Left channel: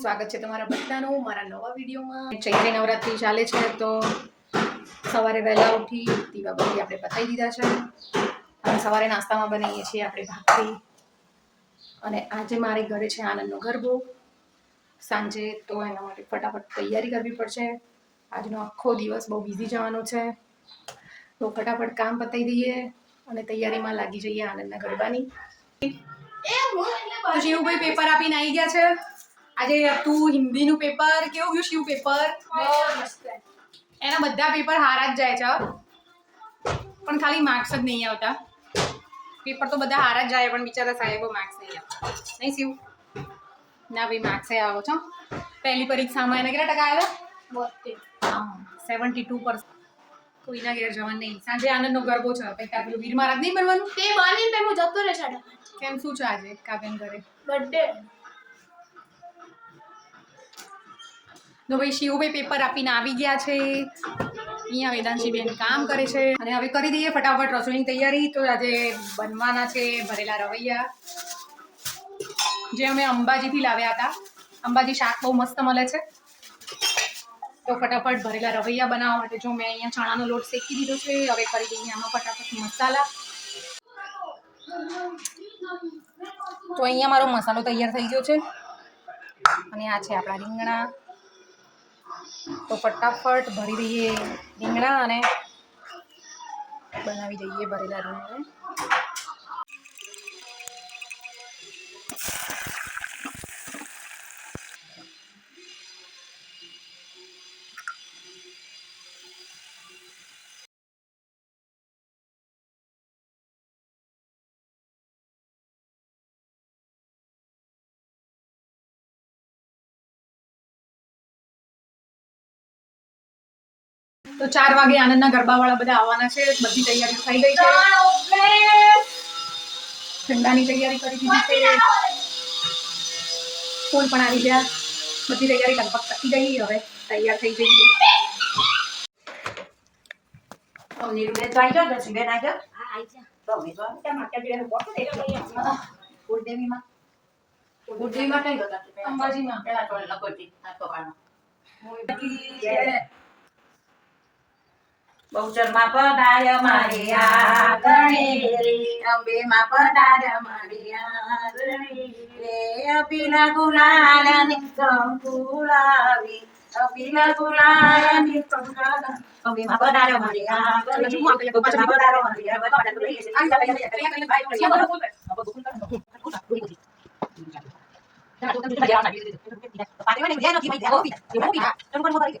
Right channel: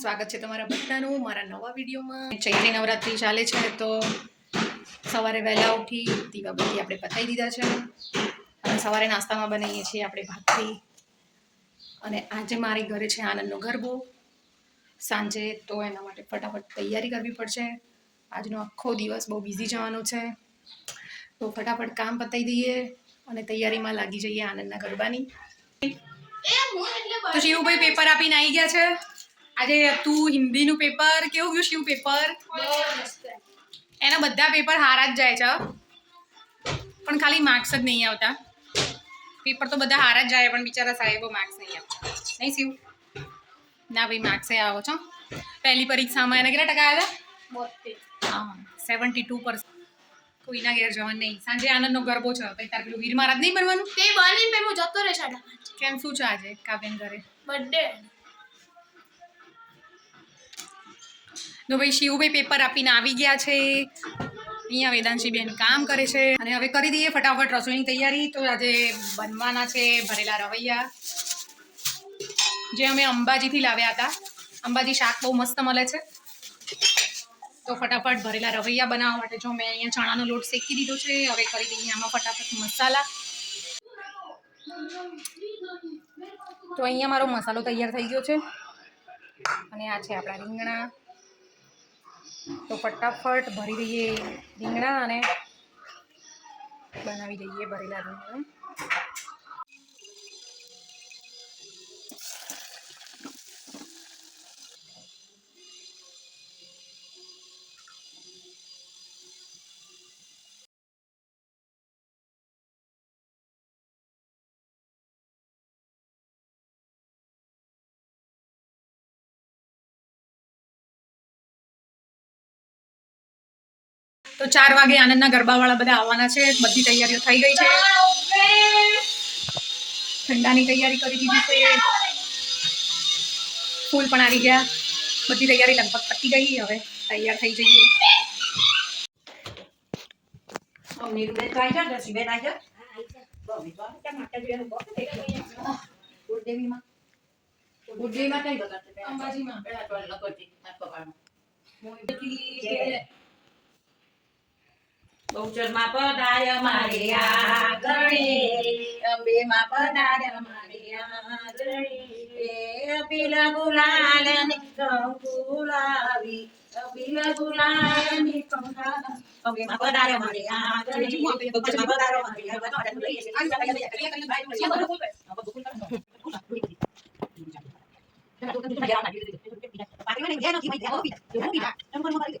સ્વાગત છે તમારા બધાનું. મારા નવા વિડીયોમાં ચૈત્રી નવરાત્રી ચાલે છે તો સવારે વહેલા ઉઠી દીવા બધી આપણે પતાવી દીધા છે. અને સવારે નાસ્તામાં બનાવીએ છીએ આપણે ભાખરી. અને આજે મારી ઘરે છે આનંદનો ગરબો સાંજે તો એના માટે ફટાફટ તૈયારી કરવી પડશે. આજનો આખો દિવસ બહુ બિઝી જવાનો છે. તો ફટાફટ કામ પતાવી દઈએ અને તૈયારીમાં લાગી જઈએ આનંદના ગરબાની. તો શિવભાઈ પેપર આપીને આવી ગયા છે. આજે તું હિન્દીનું પેપર કેવું ગયું શિવ પેપર એના બધા પેપર હારા જ જાય છે પણ ખાલી માર્ક્સ જ નહીં આવતા. પેપર તો બધા હારા જ જાય પણ બિચારા સાહેબો માર્ક્સ નહીં આપતા. નહીં શિવ? ના ભાઈ માર્ક્સ આવો છો. પહેલી પરીક્ષામાં એને કેટલા ટકા આવ્યા? હા સેવન્ટી ટુ પર્સન્ટ કોઈના ઘેર જવાનું નહીં. સાંજે આનંદનો ગરબો છે પછી તારે પેલું વીર મહારાજ નહીં બનવાનું? તે બની પે હું જતો રહે સાડા કેમ શું છે આજે? કાવ્યન ઘરે? બર્થડે તો ભાઈ શિવભાઈ પેપર આપીને આવી ગયા છે. અહીંયા વેદાંશી બેન કામ કરે છે. અને હવે કરી દઈએ ફટાફટ રસોઈની તૈયારી. તો આજે બનવાના છે ભરેલા રવૈયા. જે અમે અંબાજીથી લાવ્યા હતા. અંબાજી શાક બહુ મસ્ત મળે છે. તો ફટાફટ ભરેલા રવૈયા બનાવવા માટે જો મેં અહીંયા ચણાનો લોટ શેકી દીધો છે, હવે કરી દઈએ આમાં ફટાફટ મસાલા. તો અહીંયા મારો મસાલો તૈયાર થઈ ગયો છે. અને આ છે આપણા રીંગણા. તો ફટાફટ ભરી દઈએ રીંગણા અને બનાવી દઈએ ભરેલા રીંગણા. તો ચાર વાગે આનંદના ગરબાવાળા બધા આવવાના છે. બધી તૈયારીઓ થઈ ગઈ છે. ઠંડાની તૈયારી કરી દીધી છે. ફૂલ પણ આવી ગયા. બધી તૈયારી લગભગ પતી ગઈ. હવે તૈયાર થઈ જઈએ. નીરુબેન તો આવી જાઓ, જસીબેન આવી જાઓ. તમે તો આમ કેમ આટલા દિવસનું બોલો ને એટલે કુળદેવીમાં કુળદેવીમાં કઈ ગયો અંબાજીમાં પેલા તો પકડમાં. બહુચરમાં પધાર્ય મારી ગણી અંબેમાં પધાર્ય મારિયા ગણી એ અભિલા ગુલાલની કંકુ લાવી, અભિલા ગુલાલની કંકુ લાવી. અંબેમાં પધાર્ય મારી આંગણે, બહુચરમાં પધાર્ય મારી આંગણે. જીવન છે શ્રી મૌસમાતની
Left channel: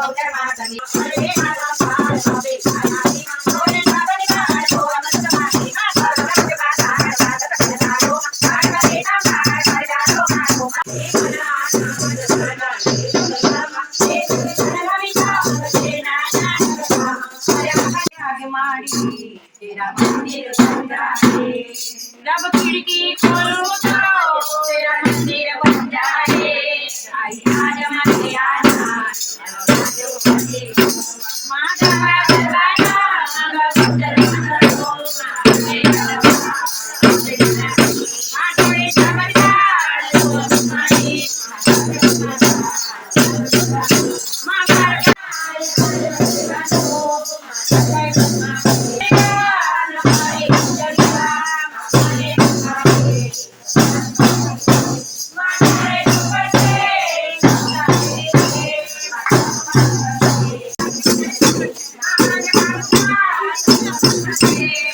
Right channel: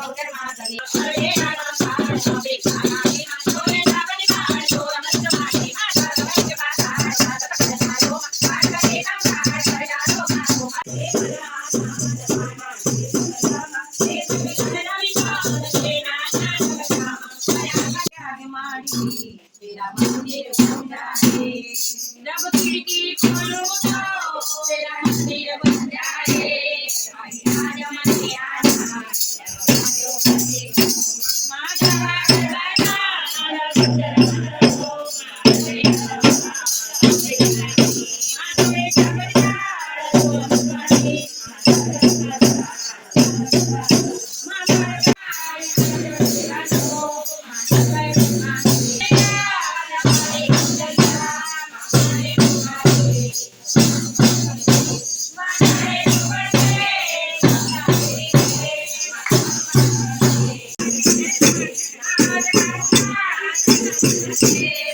જગદાનની Thank you.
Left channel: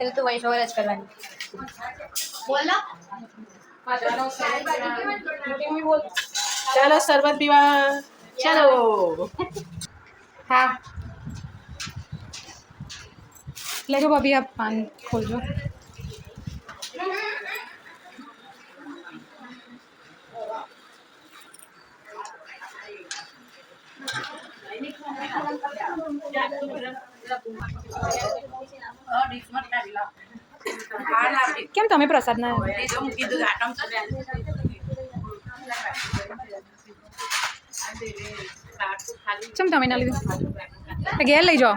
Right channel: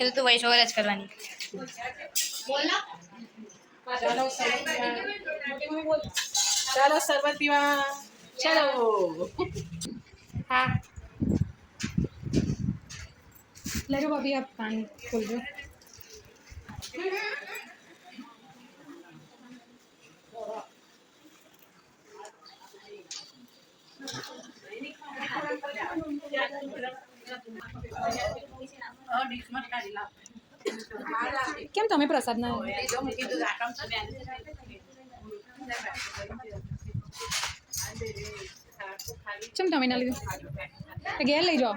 એ તો વોઇસ ઓવર જ કરવાની. ચાલો શરબત પીવા. ચાલો. હા. લેજો ભાભી આપ પાન ખોલજો. કેમ તમે પ્રસાદના ના કેમ તમે ના લીધું? ઘેર લઈ જાઓ.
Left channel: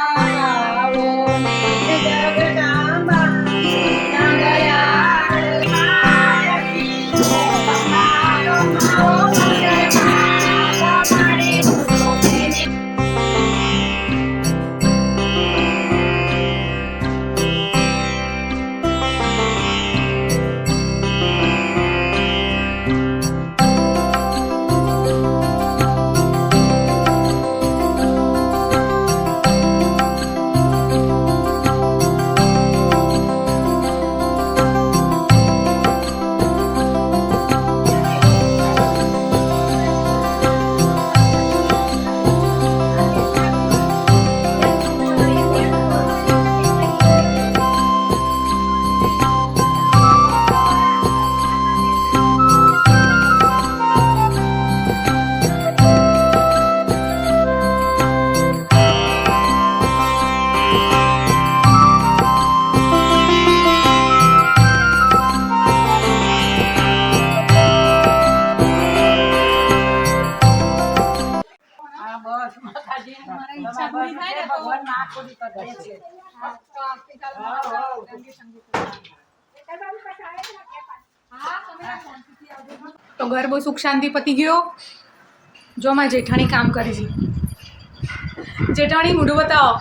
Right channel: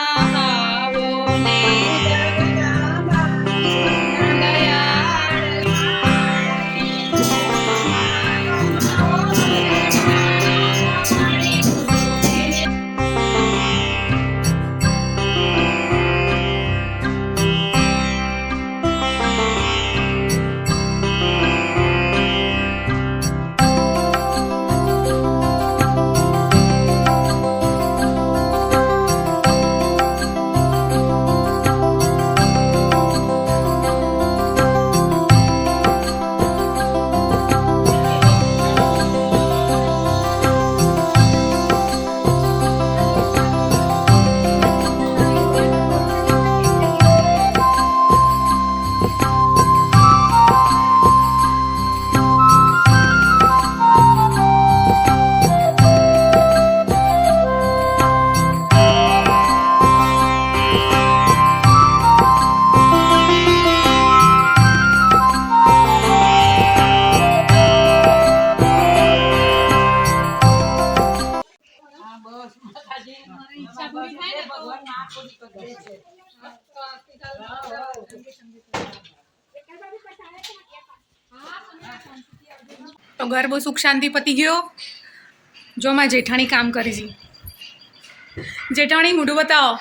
તો ઘર બહુ સુખ શાંતિ પતી ગયો. જો માં જેઠાણી કામ કરી છે. જેઠાણી મોઢું બતાવો.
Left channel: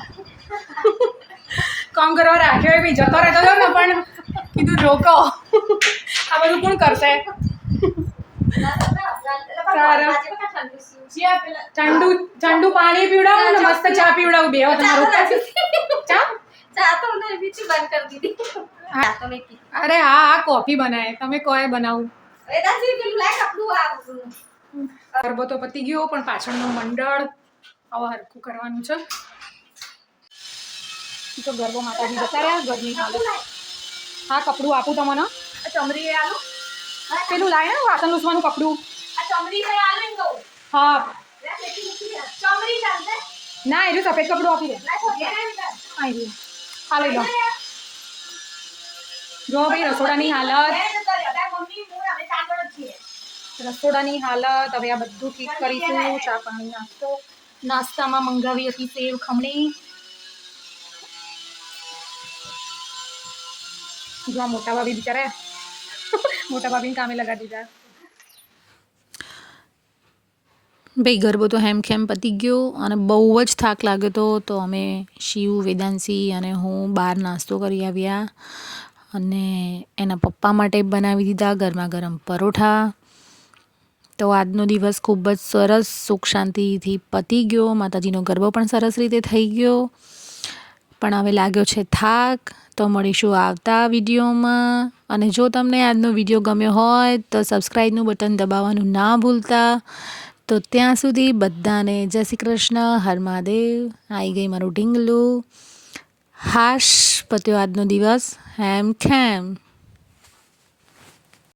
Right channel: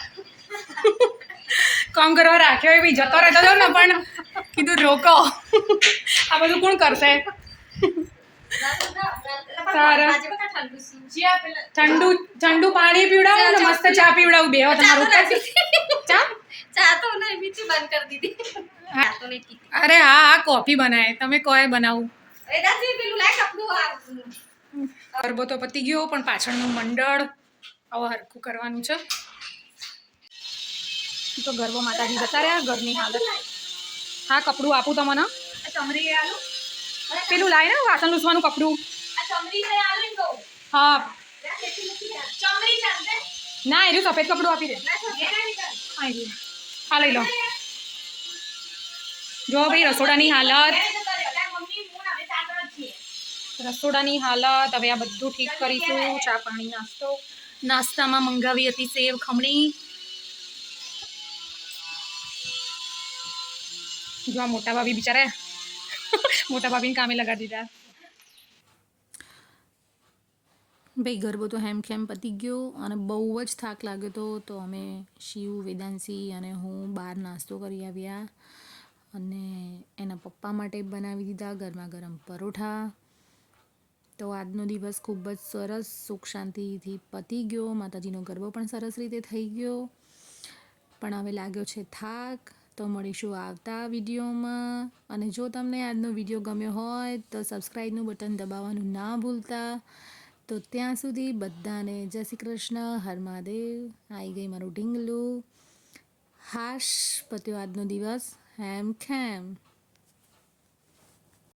કામ કરવા રાખ્યો એ બી જતો રહેતો હતો ને પણ કીધું રોકો. આ બધું કોણ કરશે? ઠંડુ ઠંડુ પાણી પીવડાવું ને મસ્ત ચા પીવડાવું. બે તમારું ચા? ચા તો નહીં બીજી બંધ કરી દીધી. ચા તો નહીં પીતી. અરે હા હા કોફી બનાવે. તમે કોઈ બનાવું? ગરબો તો પતી ગયો પણ પાછળનું મંડળ હવે હરખું કરવાનું છે. તો ગરબો માતાજી જતા રહ્યા ઘરની હાલત. હા કપડું આપું તમને. ચમરી આલુ. પેલું લાય ને વાસણ લૂસવાનું કપડું. હા. ચમરી ના એ સફેદ કપડું આપી દે. લઈ લો. જો ભાઈ રસોડાની હાલત. રસોડાની હાલત, હવે આ બધું ઠીક કરીશું, ચા પાણી નાસ્તો, નાસ્તામાં મંગાવી હતી સેવ ખમણી. જો મોટા ભાભી બિચારા મોટા ભાભીને કામે લગાડી દીધા. ભાઈ, ગરબો તો હેમખેમ પતી ગયો અને બહુ જ થાક લાગ્યો હતો. તો અમે શિવ વેદાંશી અને હું બહાર નાસ્તો કરી આવ્યા અને એના પપ્પા માટે બનાવી દીધા ગરમા ગરમ પરોઠા. તો આજનો દિવસ ખૂબ જ સરસ સુખ શાંતિથી પતી ગયો. માતાજીનો ગરબો પણ સરસ રીતે થઈ ગયો. પણ હવે લાગ્યો છે થાક. તો મળીશું આવતા વિડીયોમાં. અને જો તમને આજનો વીડિયો ગમ્યો હોય તો સબસ્ક્રાઈબનું બટન દબાવવાનું ના ભૂલતા. તો ત્યાં સુધી બધાને જય શ્રી કૃષ્ણ, હર મહાદેવ. આવી ગઈ મારું ઢીંગલું. હાશ પત્યો આજનો દિવસ. હેમ ખેમ.